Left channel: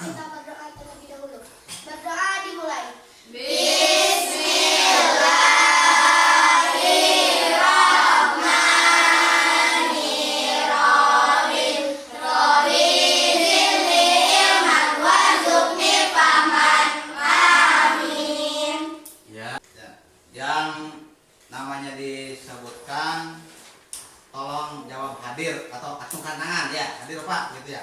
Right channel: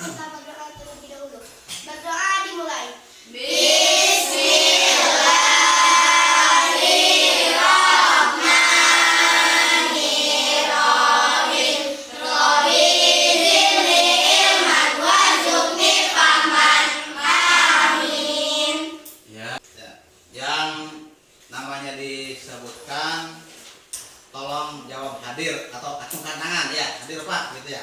kita berdoa terlebih dahulu. Berdoa dimulai. Yang namanya disebutkan tolong jawab hadir atau acungkan tangan ya. Hadir Pak gitu ya.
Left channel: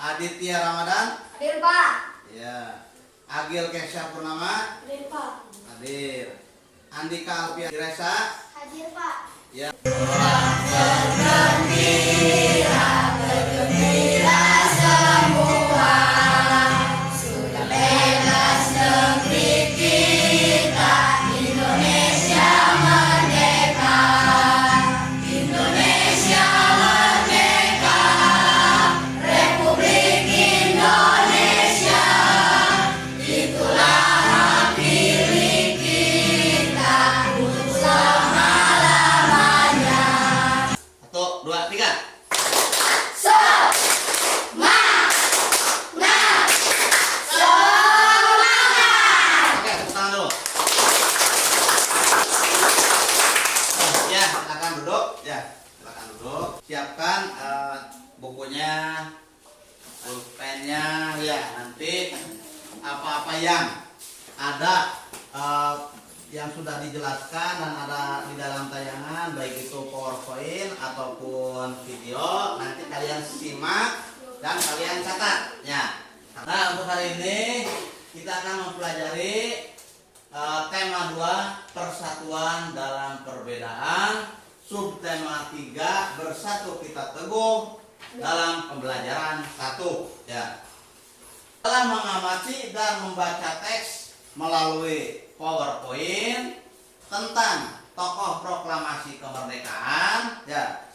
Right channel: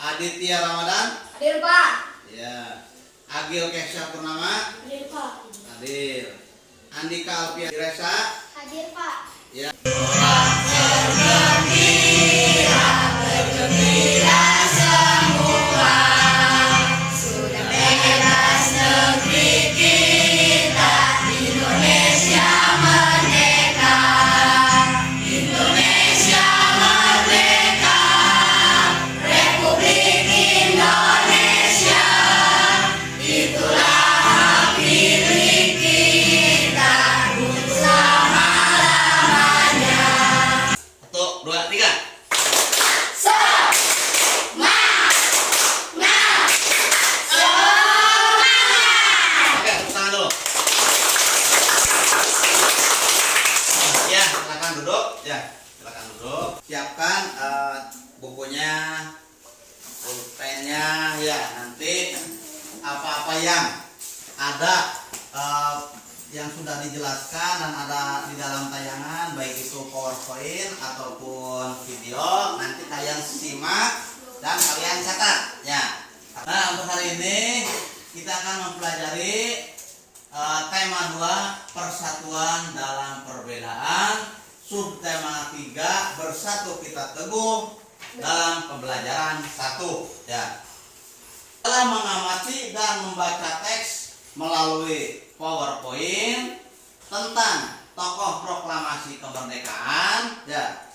Aditya Ramadan. Hadir Pak. Ya. Agil Kesha Purnama. Hadir Pak. Hadir. Andika Alfian Diresa. Hadir Pak. Ya. Satu, dua, tiga. Oke, tepuk tangan dulu. Ya, silakan duduk. Ya, silakan duduk. Siapkan bukunya, pulpennya. Ya, nanti apa-apa yang ada yang sudah dijelaskan dan ada di dalam tayangan, baik itu PowerPoint ataupun video, nanti kalian simak dan kalian catat ya. Nah, untuk hari ini kita akan mempelajari tema 2, persatuan dalam perbedaan, subtema 3, bersatu kita teguh dalam pembelajaran 1 ya. Setelah mengamati dan membaca teks melalui PowerPoint tentang tokoh proklamasi kemerdekaan ya,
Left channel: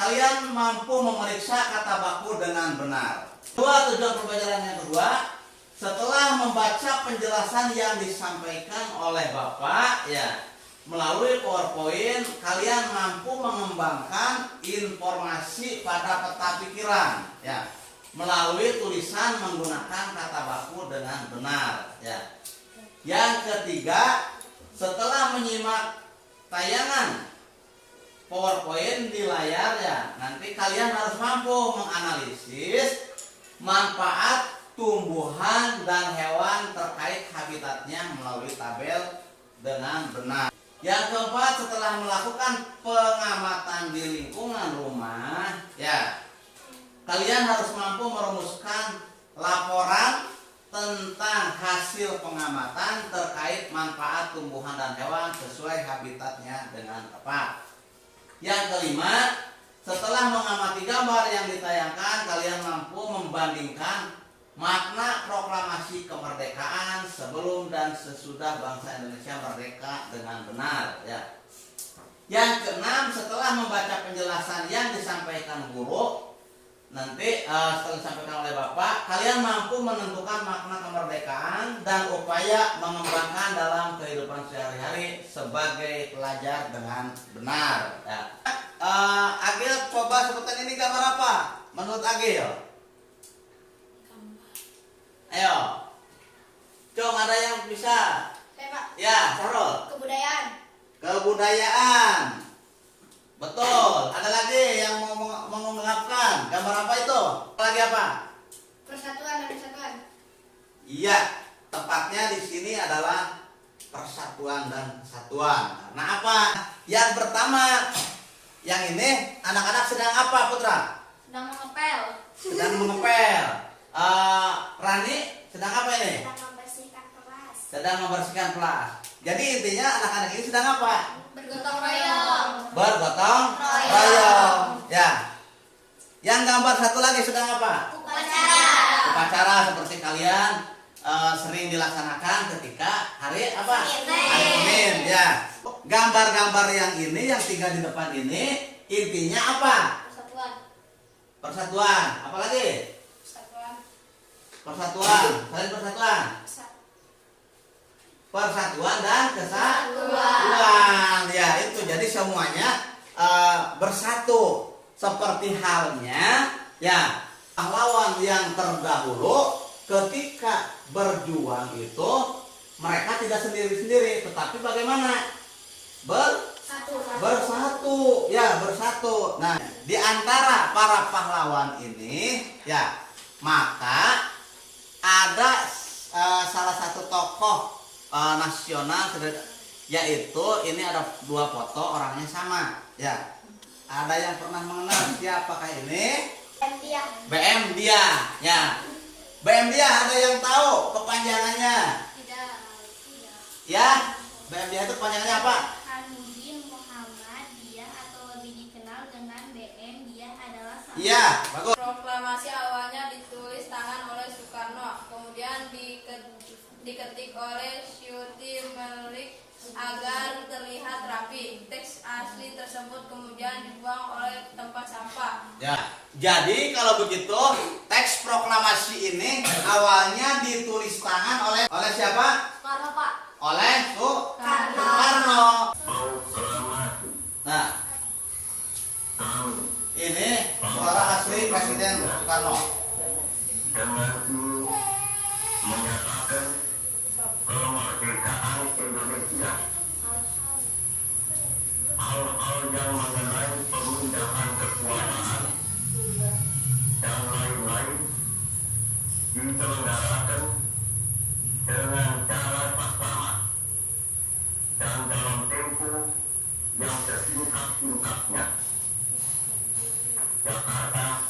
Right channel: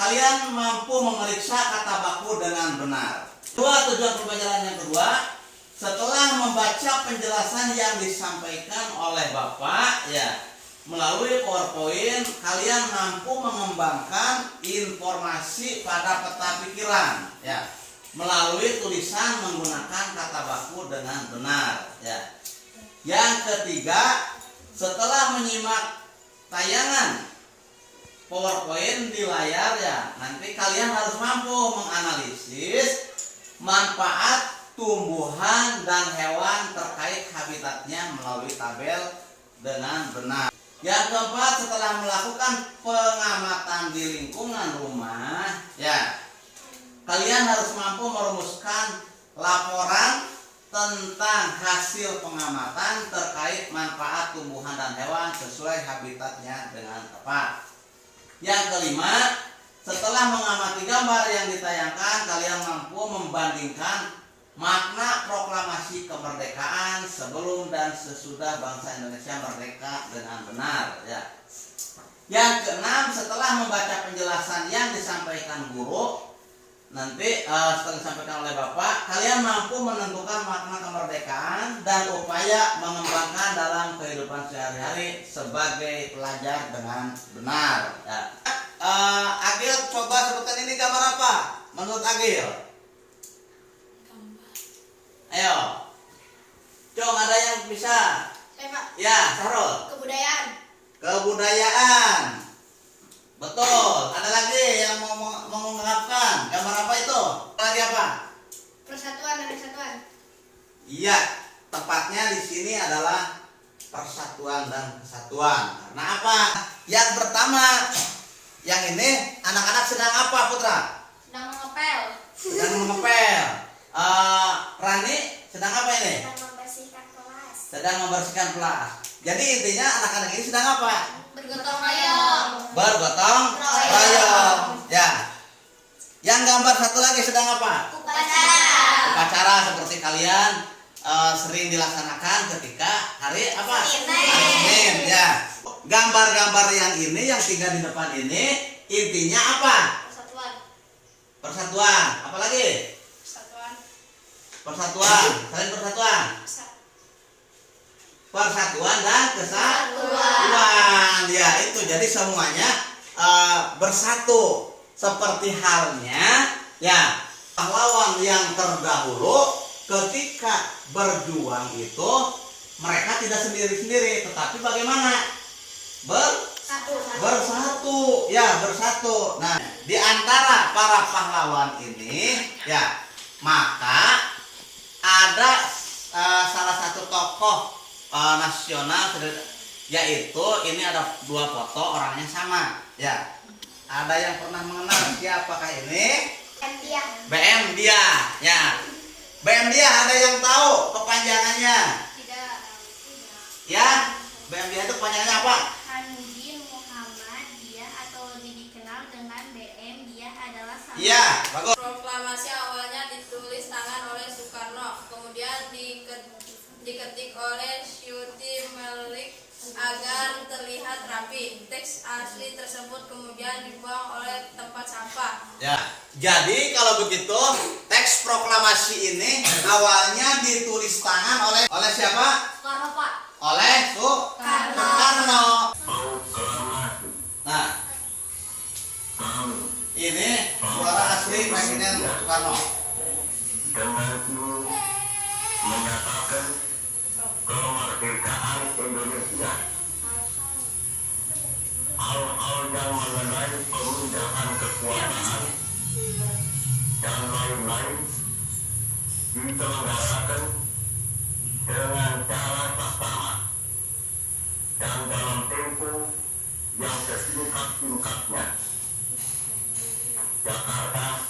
kalian mampu memeriksa kata baku dengan benar. Tujuan pembelajaran yang kedua, setelah membaca penjelasan yang disampaikan oleh Bapak ya melalui PowerPoint, kalian mampu mengembangkan informasi pada peta pikiran ya melalui tulisan menggunakan kata baku dengan benar ya. Yang ketiga, setelah menyimak tayangan PowerPoint di layar ya, nanti kalian harus mampu menganalisis manfaat tumbuhan dan hewan terkait habitatnya melalui tabel dengan benar. Yang keempat, setelah melakukan pengamatan di lingkungan rumah ya, kalian harus mampu merumuskan laporan tentang hasil pengamatan terkait manfaat tumbuhan dan hewan sesuai habitatnya dengan tepat. Yang kelima, setelah mengamati gambar yang ditayangkan, kalian mampu membandingkan makna proklamasi kemerdekaan sebelum dan sesudah bangsa Indonesia merdeka dengan benar ya. Yang keenam, setelah membaca penjelasan yang disampaikan guru, nanti setelah disampaikan oleh Bapak, kalian mampu menentukan makna kemerdekaan dan upaya mengembangkan dalam kehidupan sehari-hari sebagai pelajar dengan benar ya. Agil, coba sebutkan ini gambar apa menurut Agil? Ayo, Cung, ada yang bisa? Saya Pak. Ya, Sarul. Kebudayaan. Kebudayaan. Betul. Ada lagi yang mau mengungkapkan gambar apa itu? Lagi apa? Persatuan dan kesatuan. Iya, tepatnya di sini adalah persatuan dan kesatuan. Karena apa? Yang pertama, yang ini anak-anak sedang apa, Putra? Sedang mengepel. Sedang mengepel. Rani sedang apa ini? Sedang membersihkan kelas. Sedang membersihkan kelas. Jadi intinya anak-anak ini sedang apa? Bergotong royong. Bergotong royong. Ya. Yang gambar satu lagi sedang apa? Upacara. Upacara seperti kalian sering dilaksanakan ketika hari apa? Hari Senin ya. Gambar-gambar yang ini, yang 3 di depan ini intinya apa? Persatuan. Persatuan. Apa lagi? Persatuan. Persatuan. Saling persatuan. Persatuan dan kesatuan. Ya, itu jadi semuanya bersatu seperti halnya ya pahlawan yang terdahulu ketika berjuang itu mereka tidak sendiri-sendiri, tetapi bagaimana? Bersatu, ya bersatu. Nah, di antara para pahlawan ini, ya maka ada salah satu tokoh nasional, yaitu ini ada dua foto orangnya sama, ya. Ada yang pernah mengenal siapakah ini? BM Dia, ya. BM Dia ada yang tahu kepanjangannya? Tidak. Ya, BM Dia itu kepanjangannya apa? Hanudin Muhammad Dia atau lebih dikenal dengan BM Dia adalah Iya, bagus. Proklamasi awalnya ditulis tangan oleh Soekarno, kemudian diketik oleh Syuti Melik agar terlihat rapi. Teks asli tersebut kemudian dibuang oleh tempat sampah. Ya, jadi kalau begitu teks proklamasi ini awalnya ditulis tangan oleh siapa? Soekarno, Pak. Oleh Soekarno. Nah, ini suara asli Presiden Soekarno. Menyatakan kemerdekaan Indonesia. Hal-hal yang mengenai pemindahan kekuasaan dan lain-lain diselenggarakan dengan cara saksama dan dalam tempo yang sesingkat-singkatnya. Jakarta,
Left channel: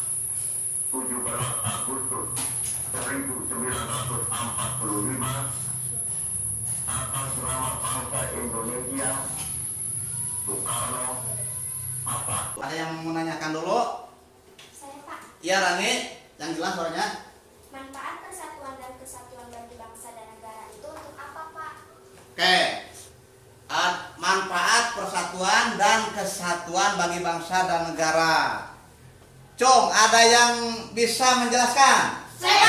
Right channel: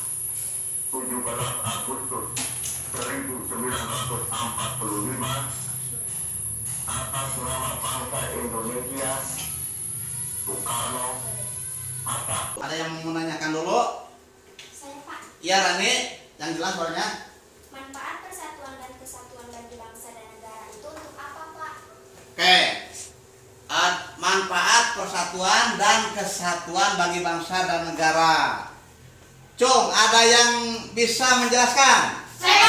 17 Agustus 1945, atas nama bangsa Indonesia, Soekarno, Hatta. Ada yang mau menanyakan dulu? Saya, Pak. Iya, Rani, yang jelas suaranya. Manfaat persatuan dan kesatuan bagi bangsa dan negara itu untuk apa, Pak? Oke. Manfaat persatuan dan kesatuan bagi bangsa dan negara. Cung, ada yang bisa menjelaskan? Saya.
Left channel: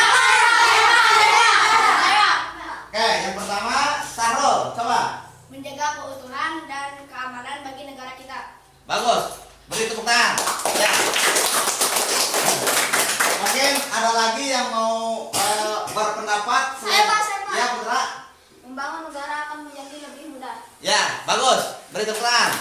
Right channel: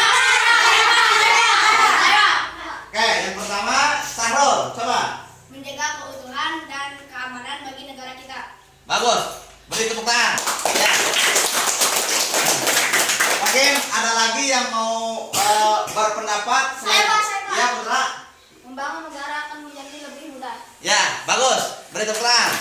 Oke, yang pertama Sahrul, coba. Menjaga keutuhan dan keamanan bagi negara kita. Bagus, beri tepuk tangan. Ya. Mungkin ada lagi yang mau berpendapat? Saya, Pak. Ya, Putra. Membangun negara akan menjadi lebih mudah. Ya, bagus. Beri tepuk tangan.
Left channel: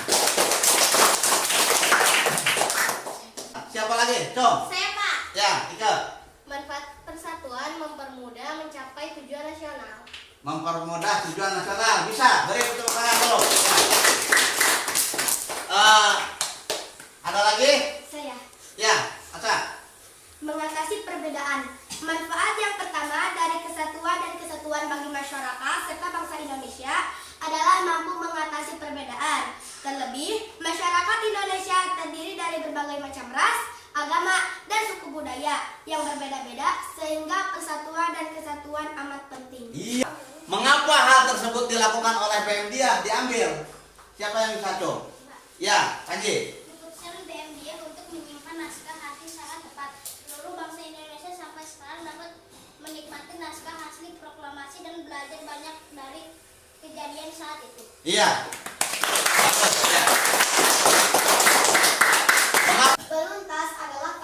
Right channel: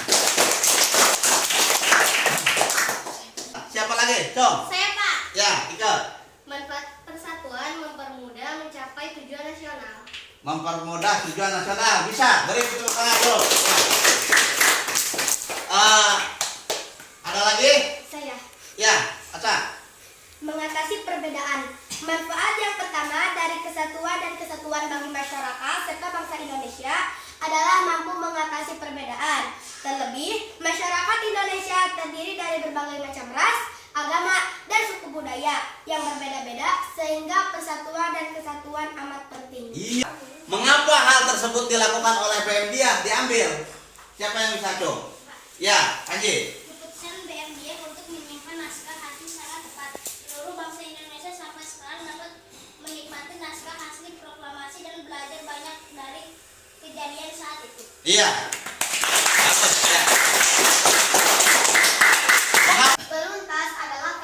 Siapa lagi? Cung. Saya, Pak. Ya, Ike. Manfaat persatuan mempermudah mencapai tujuan nasional. Mempermudah tujuan nasional. Bisa, beri tepuk tangan dulu. Ada lagi? Saya. Ya, Aca. Mengatasi perbedaan. Manfaat yang pertama dari kesatuan dan kesatuan bagi masyarakat serta bangsa Indonesia adalah mampu mengatasi perbedaan. Terlebih, masyarakat Indonesia terdiri dari berbagai macam ras, agama, dan suku budaya yang berbeda-beda sehingga persatuan dan kesatuan amat penting. Iya. Mengapa hal tersebut dilakukan oleh BM Dia diambil? Siapa yang bisa, Cung? Ya, Panji. Keputusan BMDF untuk menyimpan naskah asli sangat tepat. Seluruh bangsa Indonesia sampai sekarang dapat menikmati naskah asli proklamasi dan belajar banyak dari kejadian saat itu. Iya. Bagus, ya. Mengapa? Beluntas adalah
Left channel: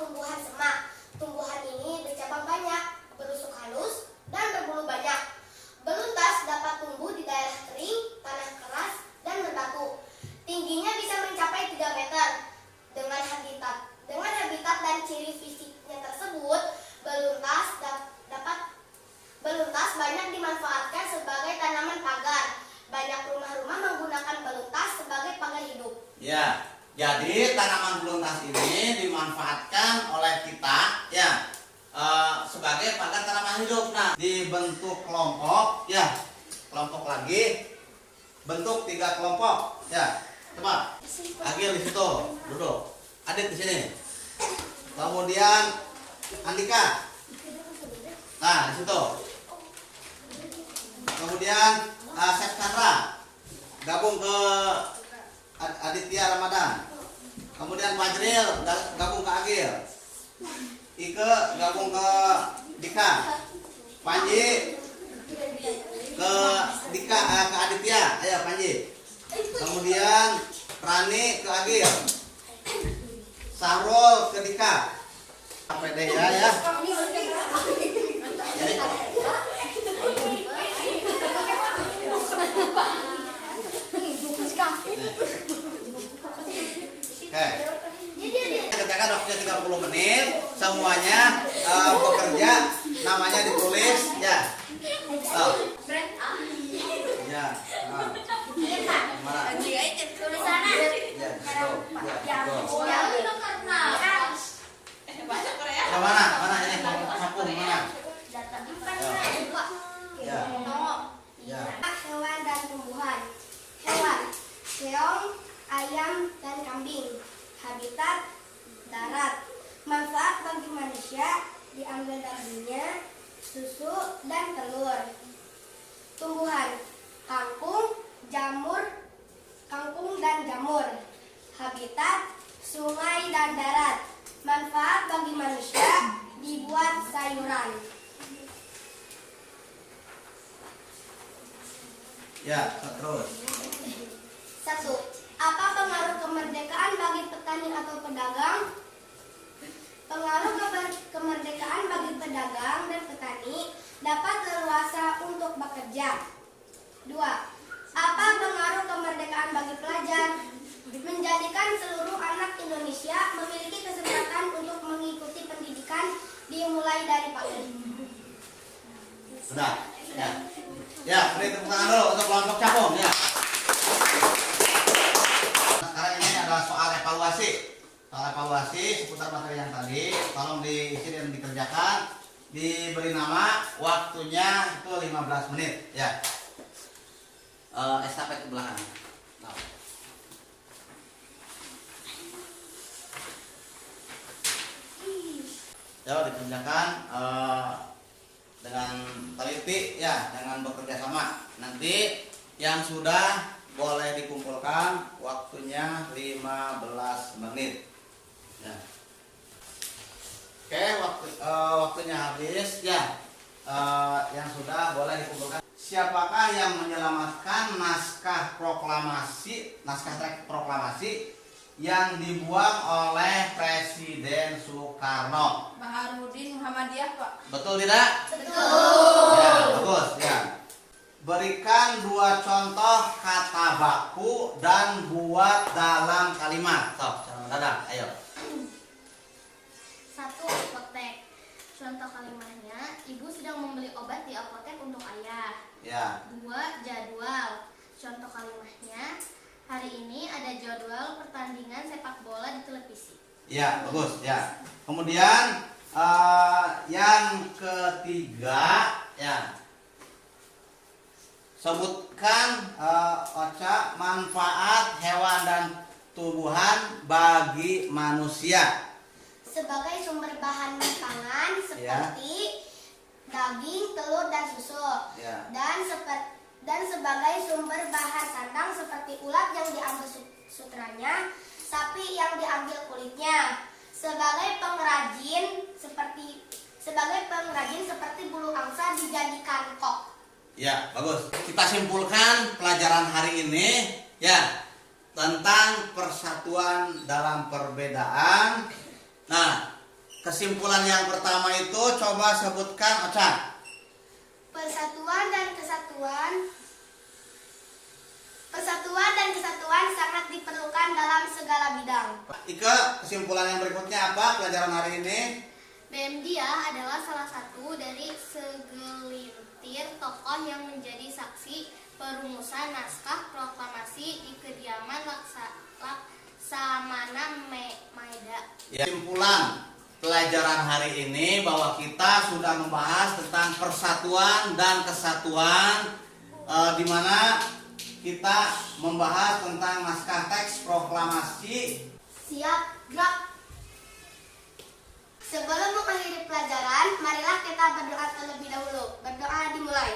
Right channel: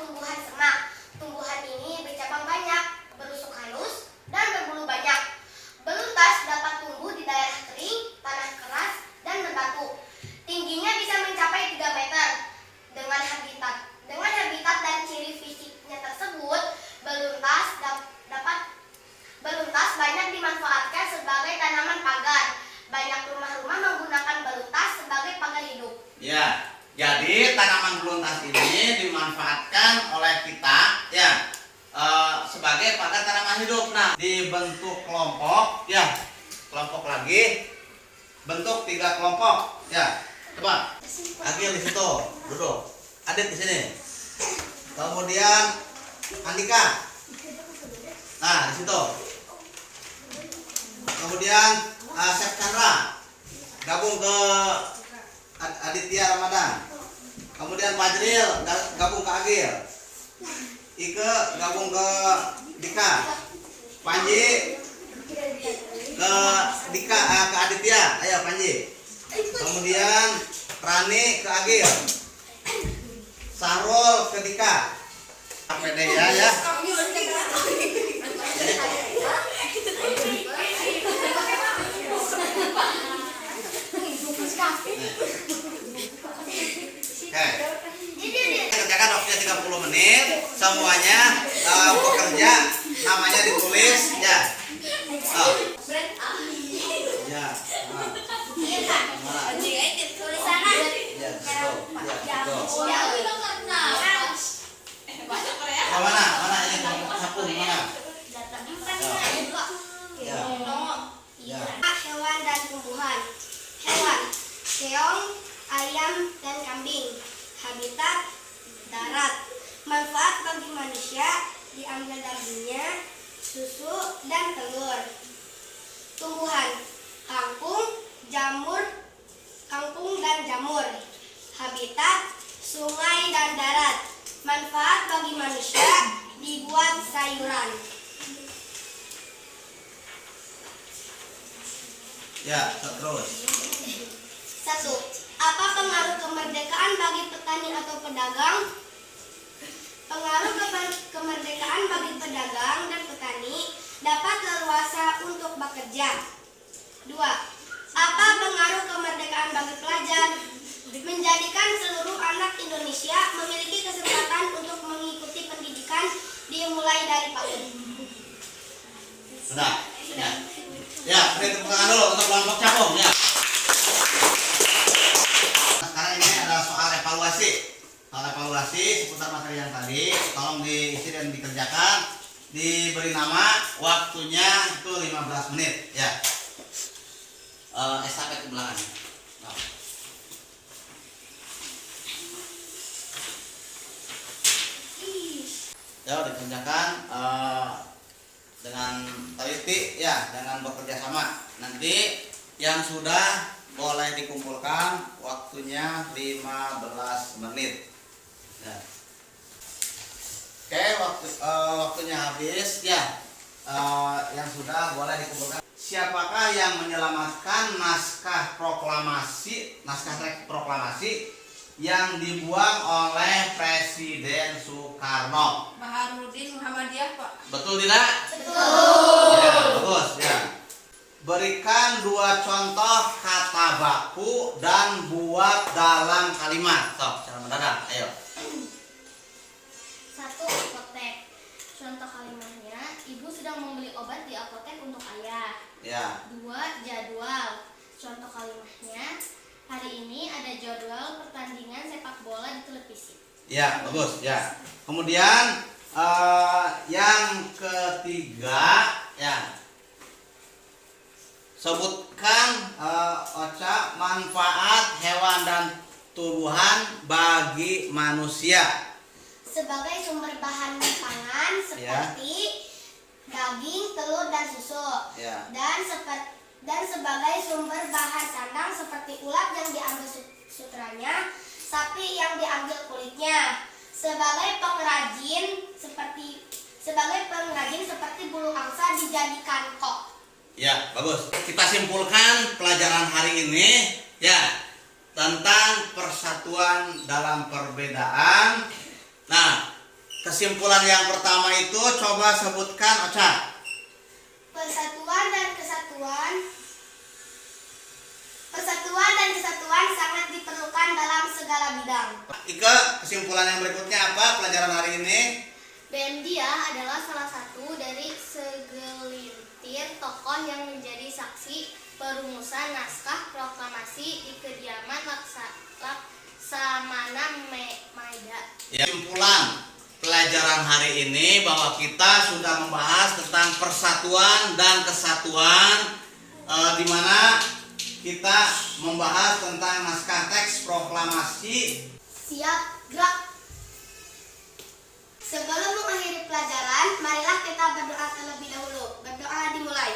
tumbuhan semak. Tumbuhan ini bercabang banyak, berusuk halus, dan berbulu banyak. Beluntas dapat tumbuh di daerah kering, tanah keras, dan berbatu. Tingginya bisa mencapai 3 meter. Dengan habitat dan ciri fisiknya tersebut, beluntas banyak dimanfaatkan sebagai tanaman pagar. Banyak rumah-rumah menggunakan beluntas sebagai pagar hidup. Ya. Jadi tanaman beluntas ini dimanfaatkan oleh kita, ya, sebagai pagar tanaman hidup. Nah, dibentuk kelompok, ya, kelompok lagi, bentuk 3 kelompok, ya. Coba, Agil di situ, duduk. Adit di sini. Kemudian Andika. Nah, di situ. Kemudian Chef Chandra gabung ke Aditya Ramadan. Kemudian Fajril gabung ke Agil. Ike gabung ke Dika. Panji ke Dika ke Aditya. Ayo Panji. Kemudian Rani ke Agil. Sahrul ke Dika. pede ya. Oke. Kerjakan waktunya 30 menit. Semuanya bekerja, namanya ditulis ya. Ya. Mana? Tulisannya. Ya, betul. Ya, betul. Ya. Mana? Mana ini sapu mana? Ya. Ya. Hewan dan tumbuhan. Hewan, keong, ayam, dan kambing. Habitat, darat. Manfaat bagi manusia, diambil dagingnya, susu, dan telur. Tumbuhan, kangkung dan jamur. Habitat, sungai dan darat. Manfaat bagi manusia, dibuat sayuran. Ya, terus. 1. Apa pengaruh kemerdekaan bagi petani atau pedagang? Pengaruh kemerdekaan bagi pedagang dan petani dapat leluasa untuk bekerja. 2. Apa pengaruh kemerdekaan bagi pelajar? Menjadikan seluruh anak Indonesia memiliki kesempatan untuk mengikuti pendidikan dimulai dari PAUD. Sudah. Ya. Ya, beri tepuk tangan dulu untuk kelompok capung ya. Sekarang ini adalah soal evaluasi. Soal evaluasi seputar materi yang tadi, tolong diisi dan dikerjakan. Diberi nama, waktunya itu 15 menit ya. Estafet ke belakang. Nah. Ya, dikerjakan dengan teliti ya, jangan bekerja sama. Nanti yang sudah boleh dikumpulkan, waktunya 15 menit. Nah. Oke, waktunya habis ya. Yang sudah boleh dikumpulkan. Siapakah yang menyelamatkan naskah proklamasi yang dibuang oleh Presiden Soekarno? Baharudin Muhammadiyah, Pak. Betul tidak? Betul. Ya, bagus ya. Berikan 2 contoh kata baku dan buat dalam kalimat. Sok, cara mendadak, ayo. 1. Apotek. Contoh kalimatnya, ibu sedang membeli obat di apotek untuk ayah. Ya. 2. Jadwal. Contoh kalimatnya, hari ini ada jadwal pertandingan sepak bola di televisi. Ya, bagus ya. Kemudian yang ketiga ya. Sebutkan Ocha manfaat hewan dan tumbuhan bagi manusia. Sebagai sumber bahan pangan seperti daging, telur, dan susu. Ya. Dan sebagai sumber bahan sandang seperti ulat yang diambil sutranya, sapi yang diambil kulitnya. Sebagai pengrajin seperti bulu angsa dijadikan kok. Ya, bagus. Kita simpulkan pelajaran hari ini ya tentang persatuan dalam perbedaan. Nah, kesimpulan yang pertama itu coba sebutkan, Ocha. Persatuan dan kesatuan sangat diperlukan dalam segala bidang. Ika, kesimpulan yang berikutnya apa pelajaran hari ini? Bendia adalah salah satu dari segelintir tokoh yang menjadi saksi perumusan naskah proklamasi di kediaman Laksamana Maeda. Ya, kesimpulan pelajaran hari ini bahwa kita sudah membahas tentang persatuan dan kesatuan, di mana kita membahas tentang naskah teks proklamasi. Siap, gerak. Sebelum mengakhiri pelajaran, marilah kita berdoa terlebih dahulu. Berdoa dimulai.